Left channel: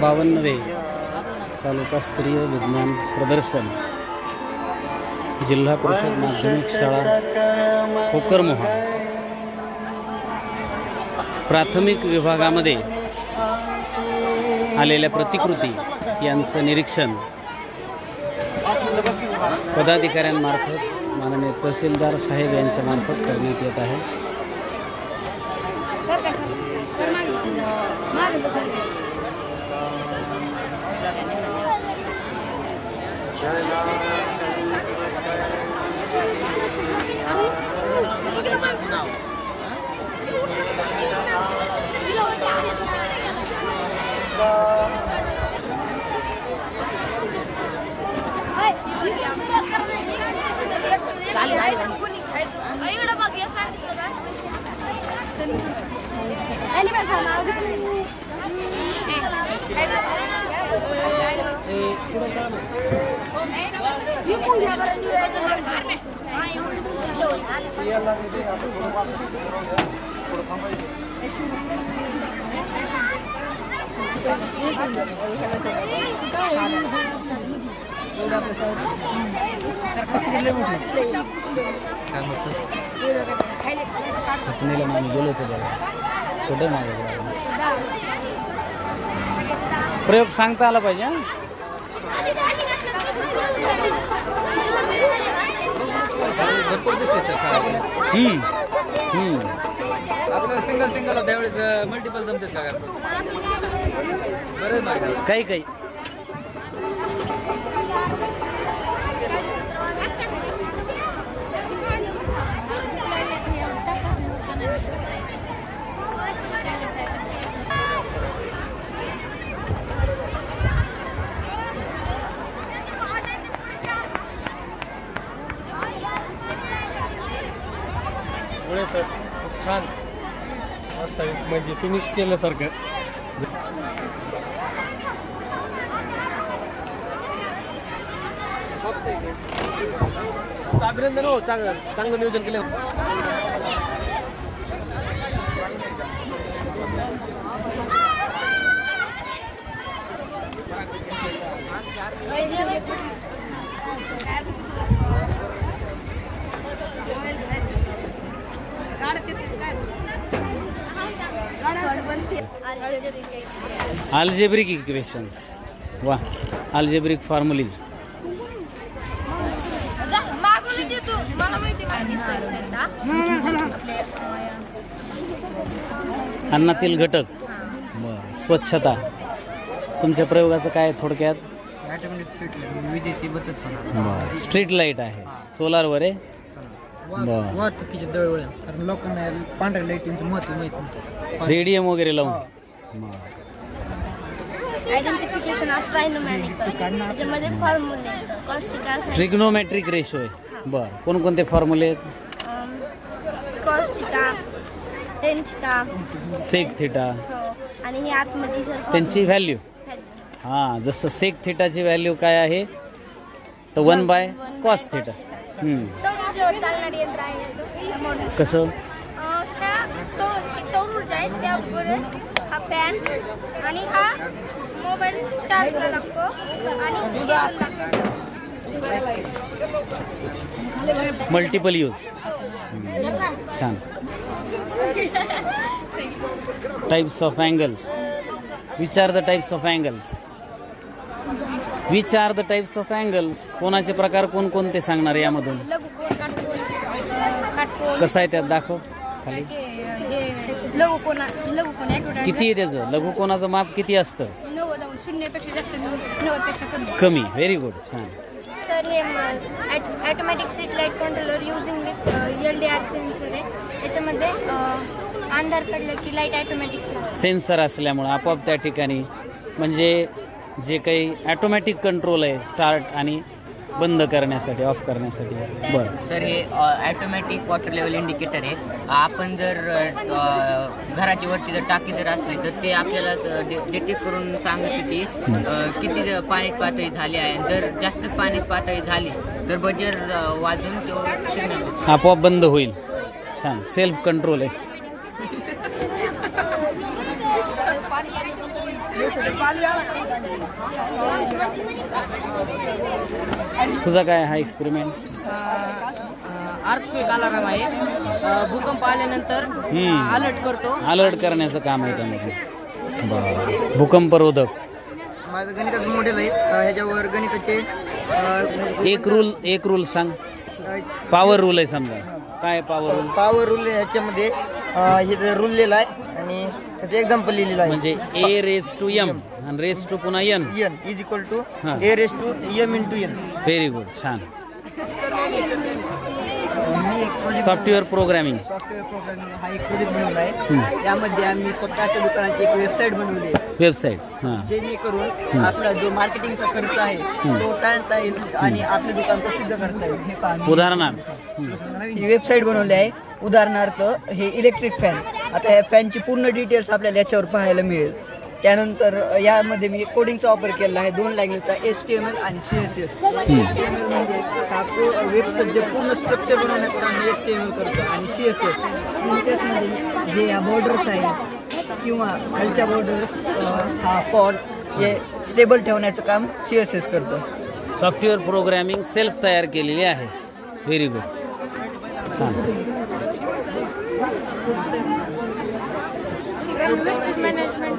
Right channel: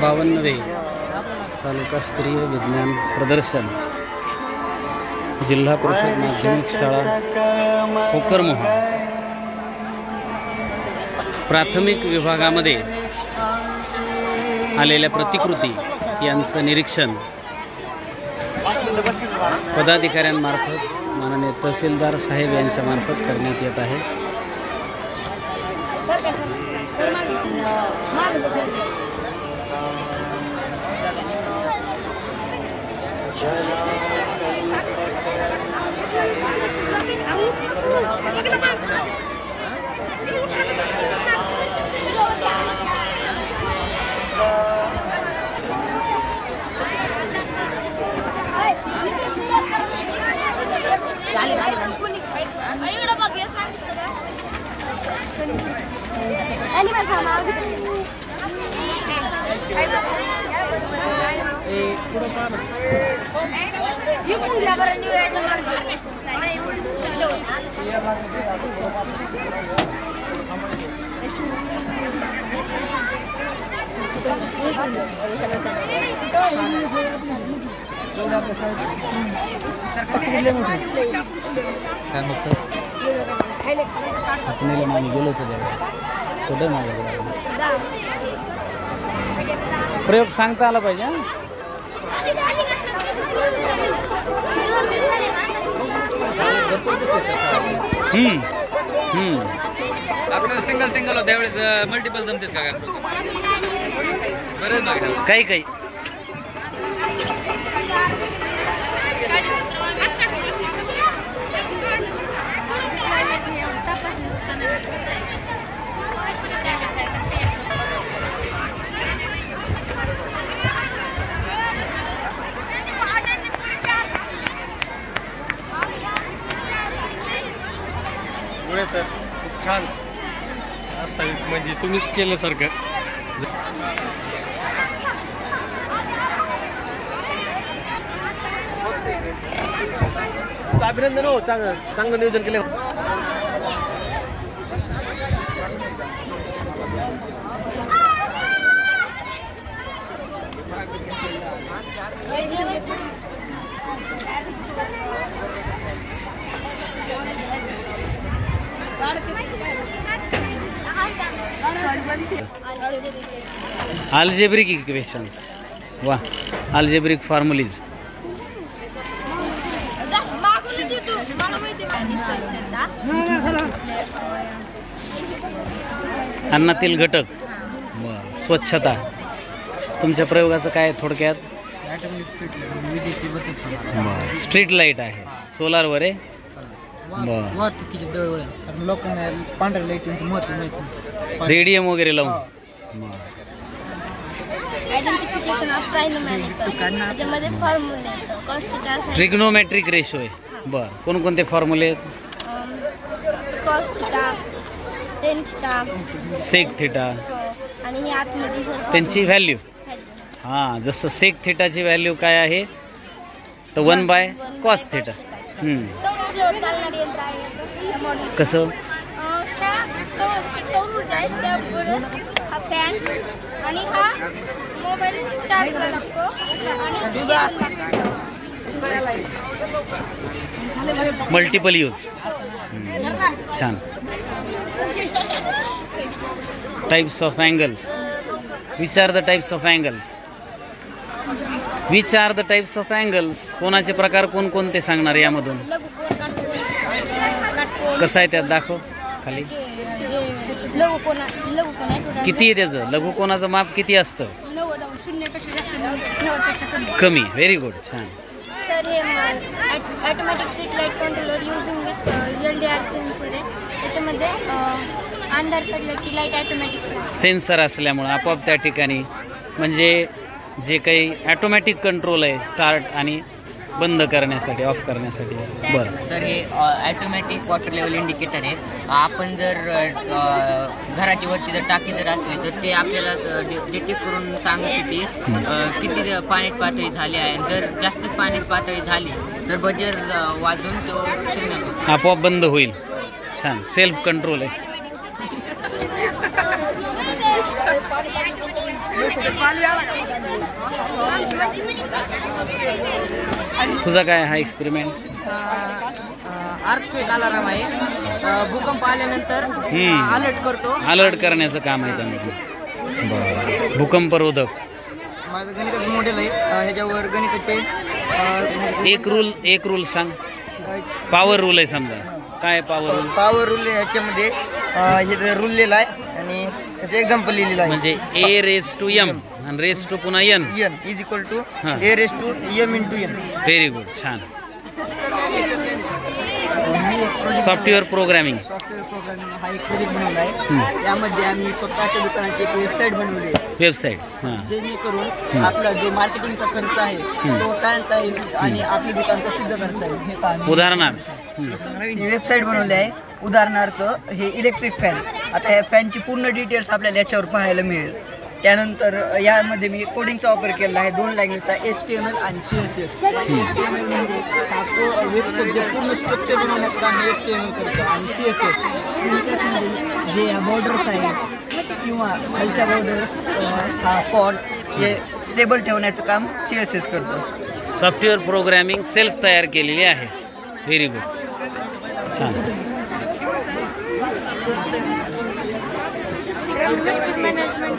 52वे तालुकास्तरीय विज्ञान प्रदर्शन जिल्हा परिषद माध्यमिक शाळा कोकरमोहा प्राथमिक विभागामध्ये आलेल्या प्रतिकृती यांचं निरीक्षण पदाधिकाऱ्यांमार्फत माननीय तहसीलदार साहेब यांच्या मार्फत करण्यात येत आहे। आपणीला मागे गेलो होतो कुठे माझ्याकडे प्रयोग सांगता आला पाहिजे। आपल्याला सिंगल होता त्यावेळेस मल्टिपल जमतात का काही काही सर खूप छान वास्तविक म्हणजे तुम्हीच केल्यासारखं। अभिनंदन हो, चांगलं नियोजन केलं। अल्जेब्रिक इक्वेशंस, वाह, अल्जेब्रिक फॉर्म्युलीज। अन्नातील घटक, स्वच्छता। तुमच्या प्रयोगाचं काय थोडक्यात? विजेची बचत होणार। स्ट्रीट लाईट आहे, सोलारवर आहे। वाहतुकीचे दळवळण, कारण लोकांना पांढऱ्या लाईटींचं महत्त्व माहित नाही, रेडियम वगैरे लावून। आयडेंटिफिकेशन ऑफ ट्रायनोमॅटिकल, त्याच्यामध्ये फॉर्म्युले आहेत, कॉस थीटा, ट्रिग्नोमेट्रिक रेशो आहे। बरं, कोणकोणते फॉर्म्युले आहेत? Cos theta, tan theta, sec theta, आणि हे आतमध्ये सर त्यांची व्हॅल्यू। हां, जसं सेक थीटाची व्हॅल्यू काय आहे तर 1/cos थीटा। सौर ऊर्जेवर चालणारी यंत्र आहे याचं मॉडेल। कसं? सौर ऊर्जा आहे, त्यापुढे हा फॅन आणि हा मोबाईल चार्जला लागतो आणि मल्टिपल यूज। छान। Types of angles, which are the types of angles? Which are the types of angles? कोणाचे प्रकार कोणकोणते सांगणार यामधून? लघुकोन, काटकोन। कसं आहे त्यात दाखव खाली। लघुकोन किती आहे त्याचं? लघुकोनाचं माप किती असतं? 90, 0 पेक्षा जास्त, 90 पेक्षा कमी। व्हेरी गुड, छान। सर हे automatic street light controller using with LDR sensor आहे, त्याच्यामध्ये अंधार पडलं की लाईट ऑटोमॅटिक सेन्सर असल्यामुळं आपोआप त्या ठिकाणी म्हणजे जे काही ऑटोमॅटिक कंट्रोल आहे स्टार्ट आणि बंद करण्यासाठी, ऑफ करण्यासाठी। बरं सर, हे ऑटोमॅटिक वॉटर लेवल इंडिकेटर आहे। आपण जर घराच्या वरती जर टाकी जर असली तर ते आपल्याला डिटेक्ट करून सांगते की किती पाण्याची पातळी झाली आहे। जर जास्त पाण्याची पातळी झाली तर बजर वाजून तो सिग्नल आपोआप बंद होईल। छान, सेल्फ कंट्रोल आहे। तुझा काय हा एक्सपेरिमेंट? अर्थक्वेक अलार्म आहे. भूकंप आल्यानंतर अलर्ट करतो. अलर्ट करण्याचं काम आहे त्यामध्ये. बरं. भूकंपरोधक. माझं गणिताचं मॉडेल आहे. ह्याच्यावर गणिताचे एक रूल सांग. पॉवर रूल आहे समजा. काय पॉवर रूल? पॉवर रूल ह्याच्यामध्ये हे रूल लिहिला आहे आणि त्याचं एक्झाम्पल लिहिलेलं आहे. म्हणजे ए रेस टू एम आणि रेस टू पुन्हा n is equal to a raise to m into n. Very good. छान. Software programming. सॉफ्टवेअर प्रोग्रामिंग हा एक प्रोजेक्ट बनवला आहे. यामध्ये आम्ही स्वतःच्या दुकानाची एक वेबसाईट बनवली आहे. वेबसाईट जेणेकरून आपला जो मार्केटिंगचा खर्च आहे तो टाळता येईल आणि आपले दुकान प्रसिद्ध करता येईल. हे पहा, उदाहरणार्थ ही वेबसाईट बनवली आहे. उदाहरणार्थ हे इलेक्ट्रिक फॅन. आता ह्या फॅनची पूर्ण डिटेल्स आपल्याला याच्यावर पाहायला मिळेल. त्यानंतर यामध्ये मी कोडिंगचा वापर केला आहे 2 लँग्वेजचा, HTML आणि CSS. HTML म्हणजे हा वेबचं जे पूर्ण स्ट्रक्चर बनवण्याचं काम HTML करतो आणि CSS म्हणजे जे या बॉर्डर्स आहेत किंवा खालच्या बॉर्डर्स हा फॉन्ट हे स्टेबल ठेवण्याचं काम CSS करतो. सॉफ्टवेअर प्रोग्रामिंग सेल्फ तयार केलेली आहे. Very good. छान.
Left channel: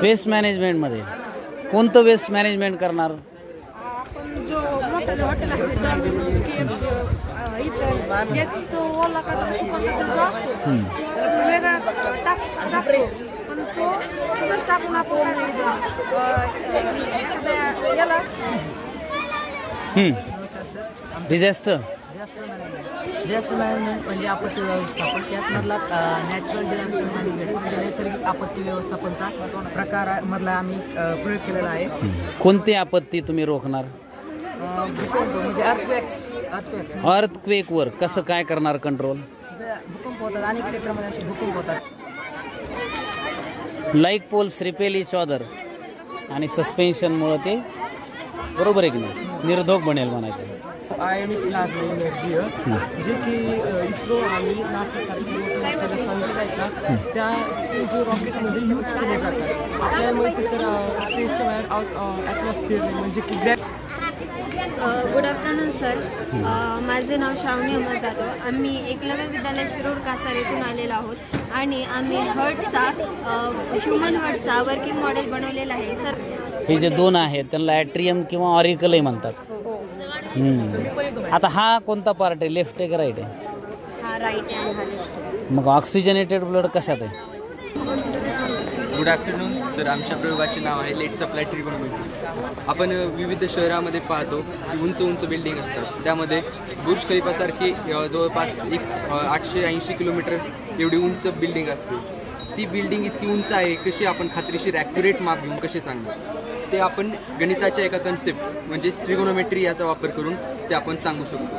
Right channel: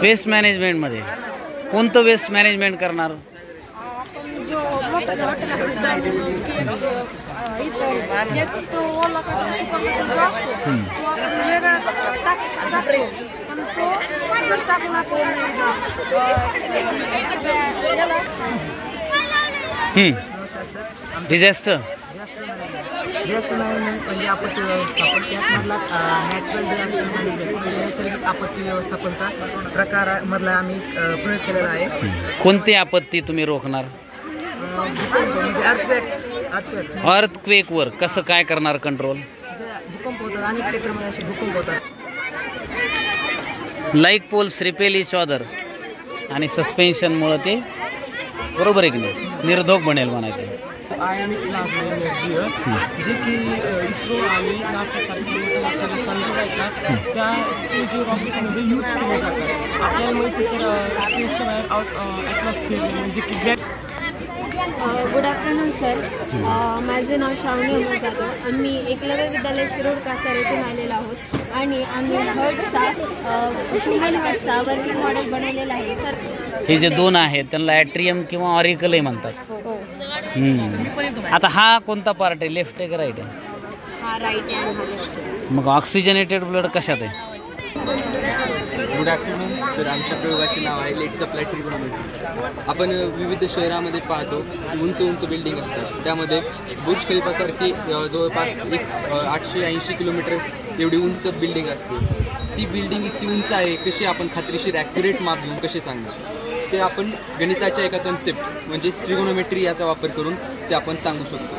वेस्ट मॅनेजमेंटमध्ये कोणतं वेस्ट मॅनेजमेंट करणार? आपण जो मोठं हॉटेल असतं इतर जे तो ओला कचरा सुका कचरा जो असतो तो आपण वेगळा टाकतो पण तो तिथंच टाकून आपण याला डिझास्टर म्हणजे आपत्ती व्यवस्थापन. त्यातमधला नॅचरल डिझास्टर मॅनेजमेंट म्हणजे नैसर्गिक आपत्ती व्यवस्थापनचा प्रकारामधला आम्ही प्रयोग केलेला आहे. कोणती आपत्ती तुम्ही रोखणार? म्हणजे अर्थक्वेकवर कसं काय करणार कंट्रोल? भूकंप होतात अनेक क्षेत्रामध्ये असे भूकंप होतात. Like poles repel each other आणि सस्पेन्शनमुळं ते बरोबर आहे की नाही निर्धोक बनेल म्हणायचं. आयनिक प्लाझ्मा एनर्जी जे की इस्रो आणि नासासारख्या मोठ्या मोठ्या संस्था आहेत ना त्या जे रॉकेटमध्ये यूज केले जातात. आपल्याला माहिती सर स्पेसच्या बाहेर ॲटमॉस्फिअर म्हणजे की गुड आफ्टरनून सर. माझं नाव श्रावणी अमर जाधव. आम्ही एकलव्य विद्यालय शिरोड कासार येथून आलेलो आहोत आणि आम्ही हर्टचा ह्युमन हर्टचा वर्किंग मॉडेल बनवलेला आहे सर. हे जे 2 आहेत त्यांना ॲट्रियम किंवा ऑरिकलही म्हणतात. आता हा कोणता पार्ट आहे? लेफ्ट आहे का राईट आहे? हा राईट आहे आणि हा लेफ्ट. मग ऑक्सिजनेटेड ब्लड कशात आहे? Good afternoon sir. आमच्या प्रयोगाचे नाव आहे लेट सप्लाय ट्रिगोनोमेट्री. आपण विविध शहरामध्ये पाहतो की उंच उंच बिल्डिंग असतात. त्यामध्ये बुर्ज खलिफासारखी जवळपास 880 किलोमीटर एवढी उंच बिल्डिंग असते. ती बिल्डिंग इतकी उंच आहे कशी आपण खात्रीशीर ॲक्युरेट माप घेऊन कसे सांगणार ते आपण गणिताच्या एका कन्सेप्ट म्हणजे ट्रिगोनोमेट्री याचा वापर करून ते आपण सांगू शकतो.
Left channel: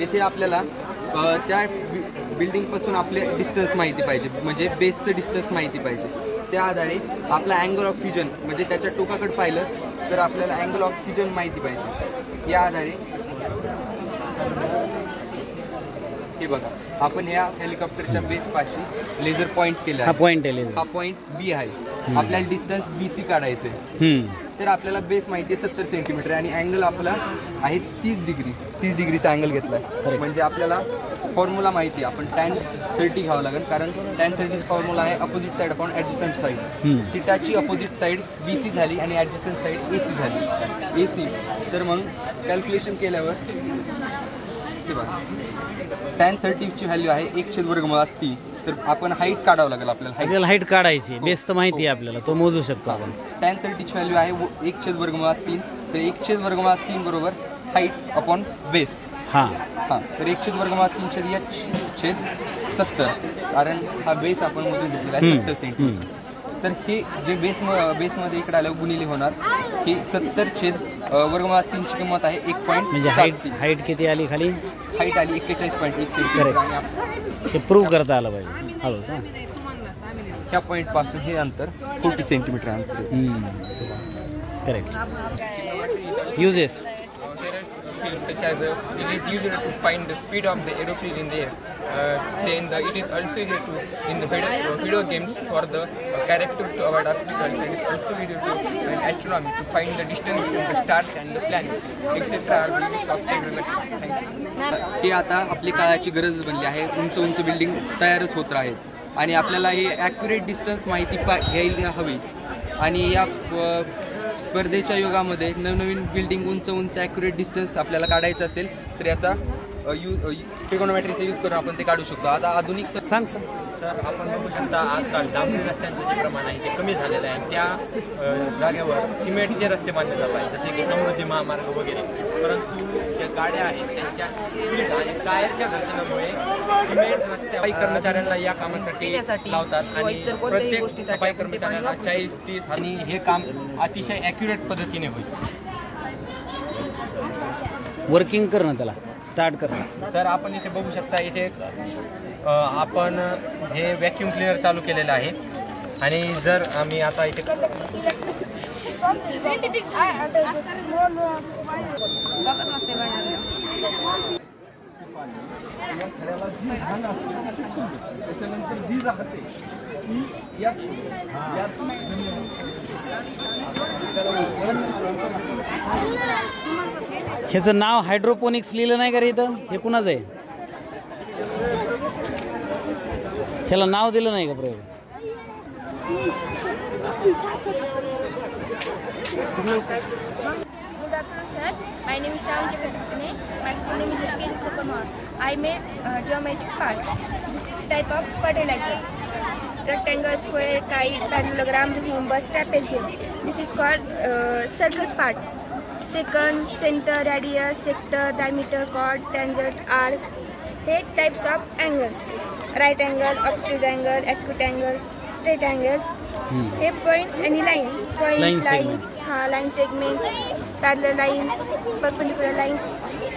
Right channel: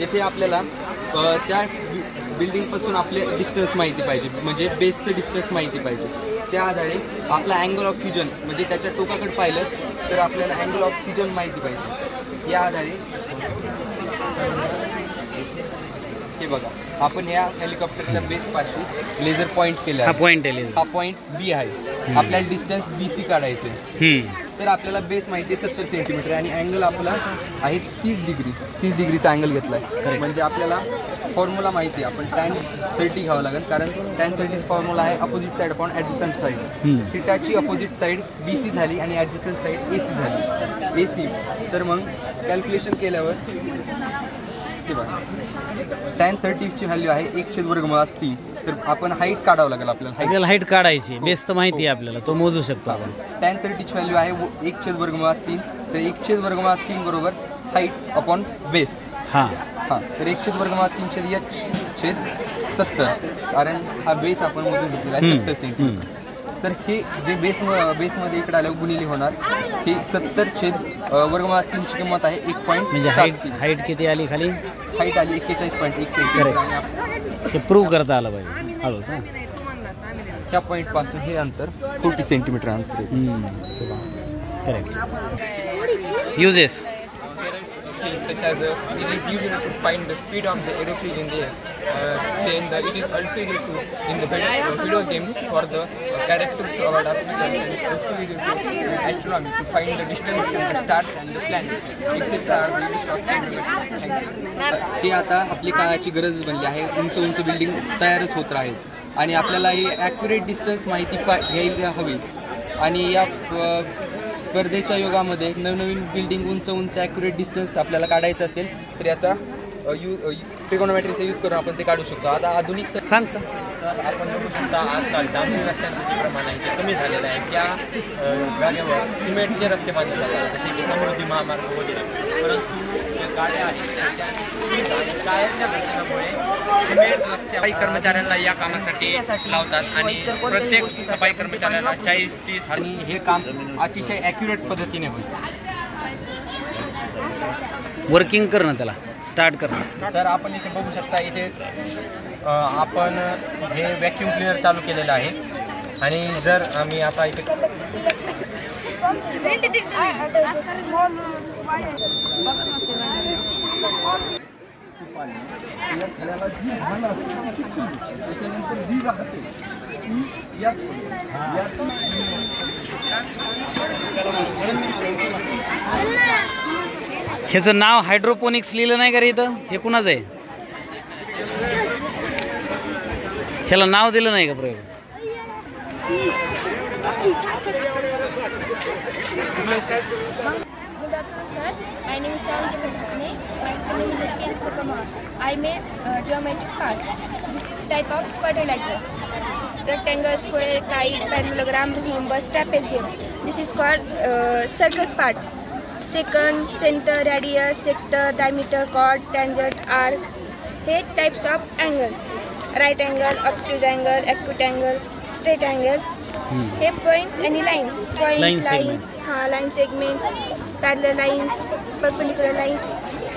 येथे आपल्याला त्या बिल्डिंगपासून आपले डिस्टन्स माहिती पाहिजे म्हणजे बेसचं डिस्टन्स माहिती पाहिजे. त्या आधारे आपला अँगल ऑफ फ्युजन म्हणजे त्याच्या टोकाकडे पाहिलं तर आपल्याला अँगल ऑफ फ्युजन माहिती पाहिजे. या आधारे हे बघा आपण या हेलिकॉप्टरच्या बेसपासून लेझर पॉईंट केला. हा पॉईंट आहे. हा पॉईंट बी आहे. आपल्याला डिस्टन्स BC काढायचं आहे. तर आपल्याला बेस माहिती आहे 70 सेंटीमीटर आणि अँगल आपला आहे 30 डिग्री. 30 डिग्रीचा अँगल घेतला आहे. म्हणजे आपल्याला फॉर्म्युला माहिती आहे. आपण tan 30 घ्यावं लागेल कारण tan 30 फॉर्म्युला आहे opposite side upon adjacent side. थिटाची अपोजिट साईड BC झाली आणि ॲडजस्टंट साईड AC झाली. AC तर मग कॅल्क्युलेशन केल्यावर ते बघा tan 30ची व्हॅल्यू आहे 1/√3. तर आपण हाईट काढावं लागेल आपल्याला हाईट काढायची. बेस तर माहिती आहे आपल्याला तो मोजू शकतो आपण. tan 30ची व्हॅल्यू आहे 1/√3. तर 1/√3 बरोबर हाईट अपॉन बेस. हां तर 1/√3 70 कारण हा बेस आपण मोजून घेतलेला आहे 70 सेंटीमीटर. तर हे जे बेसमध्ये इकडे आल्यावर गुणिले होणार ही 70/√3 ची किंमत आहे 1. म्हणजे हाईट किती आली खाली? हाईट आली 41.1 सेंटीमीटर. आणि हे प्रूव्ह करता आलं पाहिजे हळूच. ह्या पॉईंट पासून हे अंतर 40 सेंटीमीटर अंतर आहे. Correct. Uses skills such as it is used to find the speed of the aeroplane in the air. Then it is also used to in the video games for the character to avoid obstacles, and it is also used to astronomy to find the distance from the stars and the planets, etc. are the uses of trigonometry. Thank you. ते आता आपली काळाची गरज बनली आहे. उंच उंच building तयारच होत आहेत आणि आपल्याला ही ॲक्युरेट डिस्टन्स माहिती घ्यायला हवी. आणि या स्पर्धेच्या युगामध्ये नवनवीन बिल्डिंग उंच उंच ॲक्युरेट डिस्टन्स आपल्याला काढायचं असेल तर याचा ट्रिगोनोमेट्रीचा यूज करून आपण ते काढू शकतो. आता आधुनिक सांग सर आपण बघू शकता आजकाल डांबरी रस्त्यांचं जे प्रमाण आहे ते कमी झालेलं आहे. त्या जागेवर सिमेंटचे रस्ते बांधले जातात जसे की समृद्धी महामार्ग वगैरे. परंतु ज्या गाड्या आहेत त्या स्पीड आणि टायरच्या घटकामुळे सिमेंट रस्ते सफाई कर्मचाऱ्यांना या कामासाठी लावतात आणि प्रत्येक सफाई कर्मचाऱ्यांना 40-30 आणि हे काम अतिशय ॲक्युरेट पद्धतीने होईल. वर्किंग करणं त्याला स्टार्ट करणं. तर आपण इथे बघू शकता इथे आपण हे व्हॅक्यूम क्लिनर चालू केलेलं आहे आणि जर आम्ही आता इथे ह्याचं नाव हायड्रोपोनिक्स लिहिलं नाही का रे इथं? हे कुणाचं आहे? ह्याला नाव दिलं नाही का प्रयोग? Good afternoon, sir. My name is Shyam Chakratane. My school name is LPN Kokomo. I made geometric part. This is type of quadrilateral. Rectangle, square, kite, parallelogram, rhombus, trapezium. This is called circus parts. Secant, center, radius, sector, diameter, chord, tangent, arc. 8 types of angles: right angle, obtuse angle, acute angle, straight angle. 8 points, any lines. Point, Line segment. Line segment, parallel lines, perpendicular lines.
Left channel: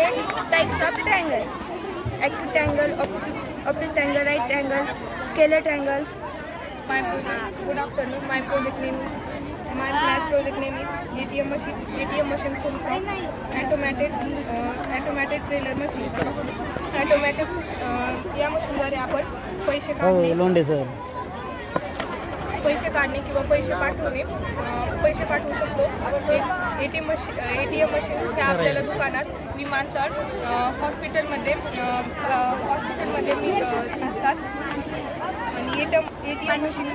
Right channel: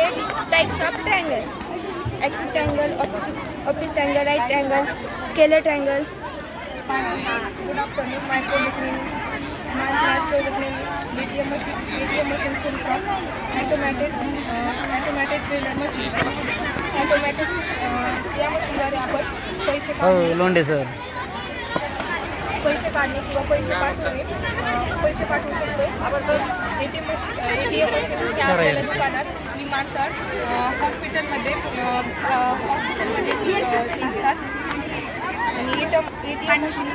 8 types of triangles: acute angle, obtuse angle, right angle, scalar angle. Good afternoon, my project name is ATM machine full from automatic trailer machine. Automatic या मशीनद्वारे आपण पैसे Londhe sir पैसे काढणे किंवा पैसे पाठवू शकतो. आपण ATM मशीन हे आपल्याला दुकानात, विमानतळ, हॉस्पिटलमध्ये असतात. आणि ATM मशीन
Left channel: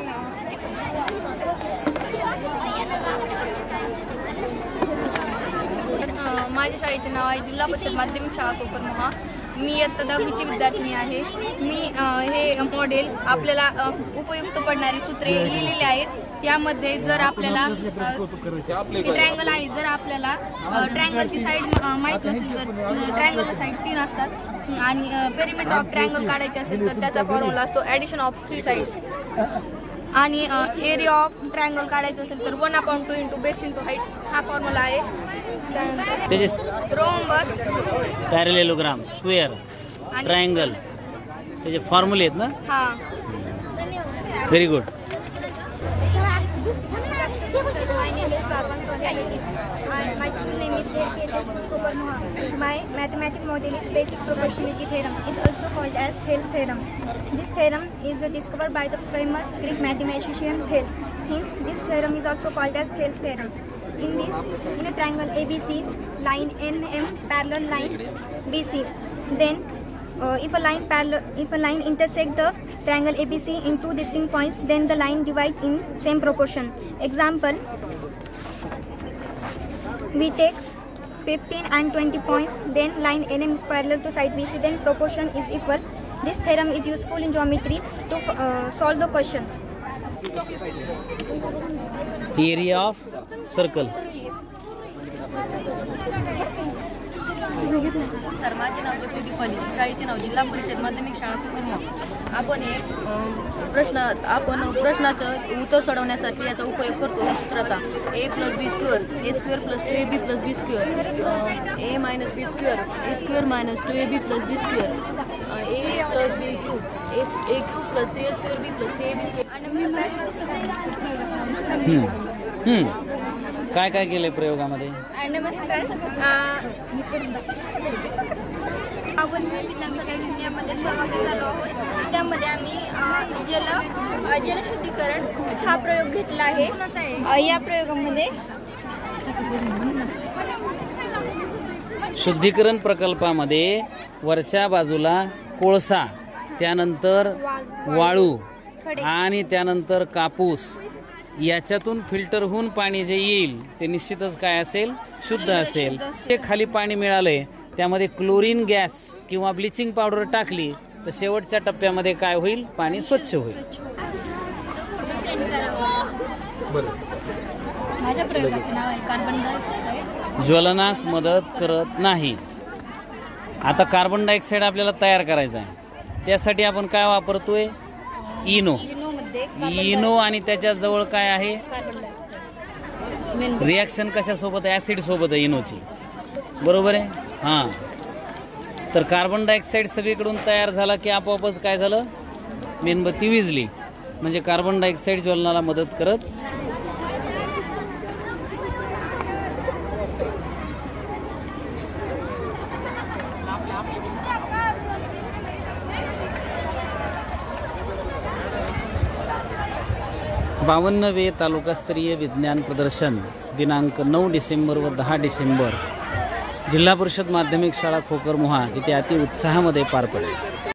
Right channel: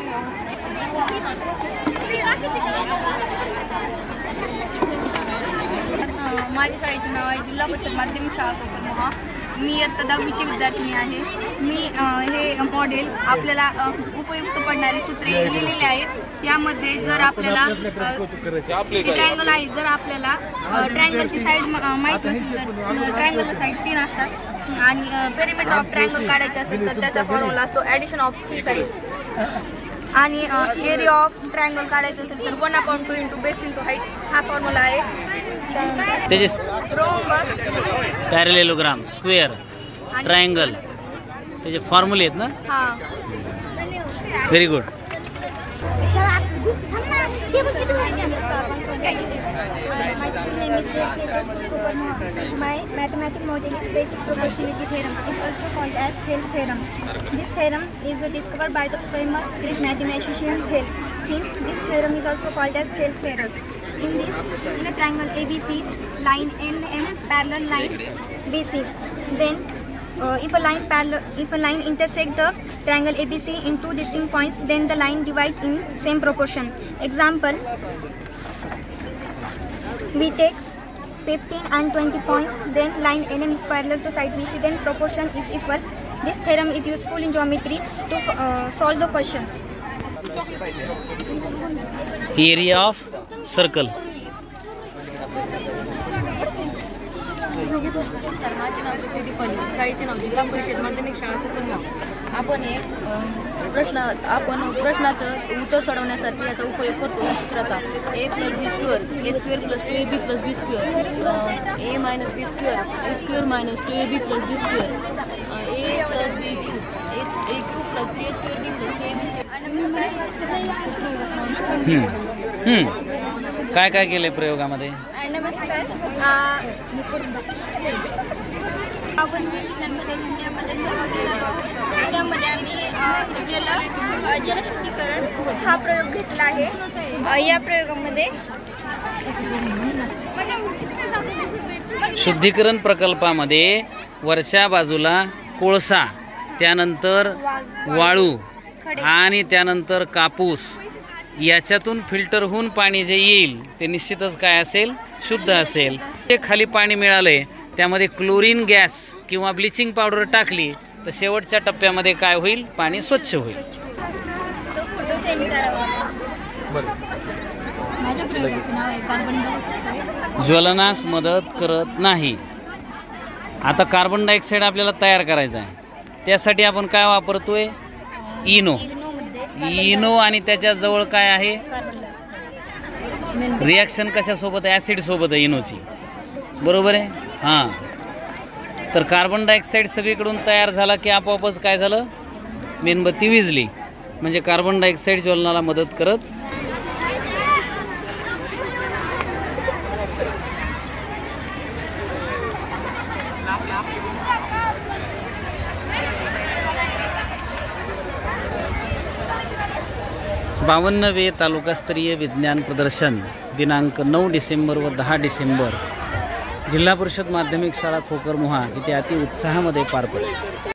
माझ्या शाळेचे नाव आहे जिल्हा परिषद माध्यमिक शाळा कोकणमहा. मी इयत्ता 10वीची विद्यार्थिनी आहे. मी हे मॉडेल आपल्याला उपयुक्त पडणारी सूत्रे लिहिलेली आहेत. यामध्ये जर आपल्याला ट्रायंगल आहे, जर आपल्याला ट्रायंगलची साईड माहीत नसेल तर ट्रायंगलची साईड 3 असतात आणि पेरिमीटर ऑफ ट्रायंगल काढायचे असेल तर त्याचा फॉर्म्युला असतो ॲडिशन ऑफ 3 साईड्स. आणि एरिया ऑफ ट्रायंगल काढायचं असेल तर 1/2 इंटू बेस इंटू हाईट हा फॉर्म्युला आहे. त्याचे रोम्बस, पॅरेलेलोग्राम, स्क्वेअर, ट्रायंगल त्याचे फॉर्म्युले आहेत ना? हां. Very good. My school name is JPHS Kokomo. My mathematical model is basic proportionality theorem. It's also called as Thales theorem. This theorem is discovered by the famous Greek mathematician Thales. Hence, this theorem is also called as Thales theorem. In a triangle ABC, line NM parallel line BC. Then, if a line intersect the triangle ABC in 2 distinct points, then the line divide in same proportion. Example: we take 15 and 20 points, then line NM is parallel to side BC, then proportion is equal. This theorem is useful in geometry to solve the questions. Area of circle. तर माझे नाव ज्योती दीपाली, शाळेचे नाव जिल्हा परिषद माध्यमिक शाळा कोकणमहा. आपण प्रश्नाचं उत्तर सोडवण्यासाठी याचा उपयोग करतो सूत्राचा a + b² a² + 2ab + b² a - b² a² - 2ab + b² a + b³ a³ + 3a² b + 3ab². काय काय केलंय प्रयोगामध्ये? नमस्कार. आपण विज्ञान प्रयोगशाळेमध्ये सहभागी झालो आहोत. त्यामध्ये आम्ही जलशुद्धीकरण हा प्रयोग घेतला आहे. या प्रयोगामध्ये शुद्धीकरण प्रकल्पामध्ये वरच्या बाजूला कोळसा, त्यानंतर वाळू आणि त्यानंतर कापूस याच्यातून फिल्टर होऊन पाणी जे येईल ते निश्चितच काय असेल? शुद्ध असेल. ते खाली पाणी मिळालंय त्यामध्ये क्लोरीन गॅस किंवा ब्लिचिंग पावडर टाकली तर शेवटच्या टप्प्यामध्ये काय होईल? पाणी स्वच्छ होईल. ज्वलनास मदत करत नाही. आता कार्बन डायऑक्साईड आपल्याला तयार करायचा आहे. त्यासाठी आपण काय वापरतोय? इनो. इनो आणि त्याच्या जवळ काय आहे? रिॲक्शन कशासोबत आहे? ॲसिड सोबत आहे इनोची. बरोबर आहे? हां. तर कार्बन डायऑक्साईड सगळीकडून तयार झाला की आपोआपच काय झालं? मेणबत्ती विझली. म्हणजे कार्बन डायऑक्साईड ज्वलनाला मदत करत. बावन्नवे तालुकास्तरीय विज्ञान प्रदर्शन दिनांक 9 डिसेंबर व 10 डिसेंबर जिल्हा परिषद माध्यमिक शाळा खोकर मोहा इथे अति उत्साहामध्ये पार पडले.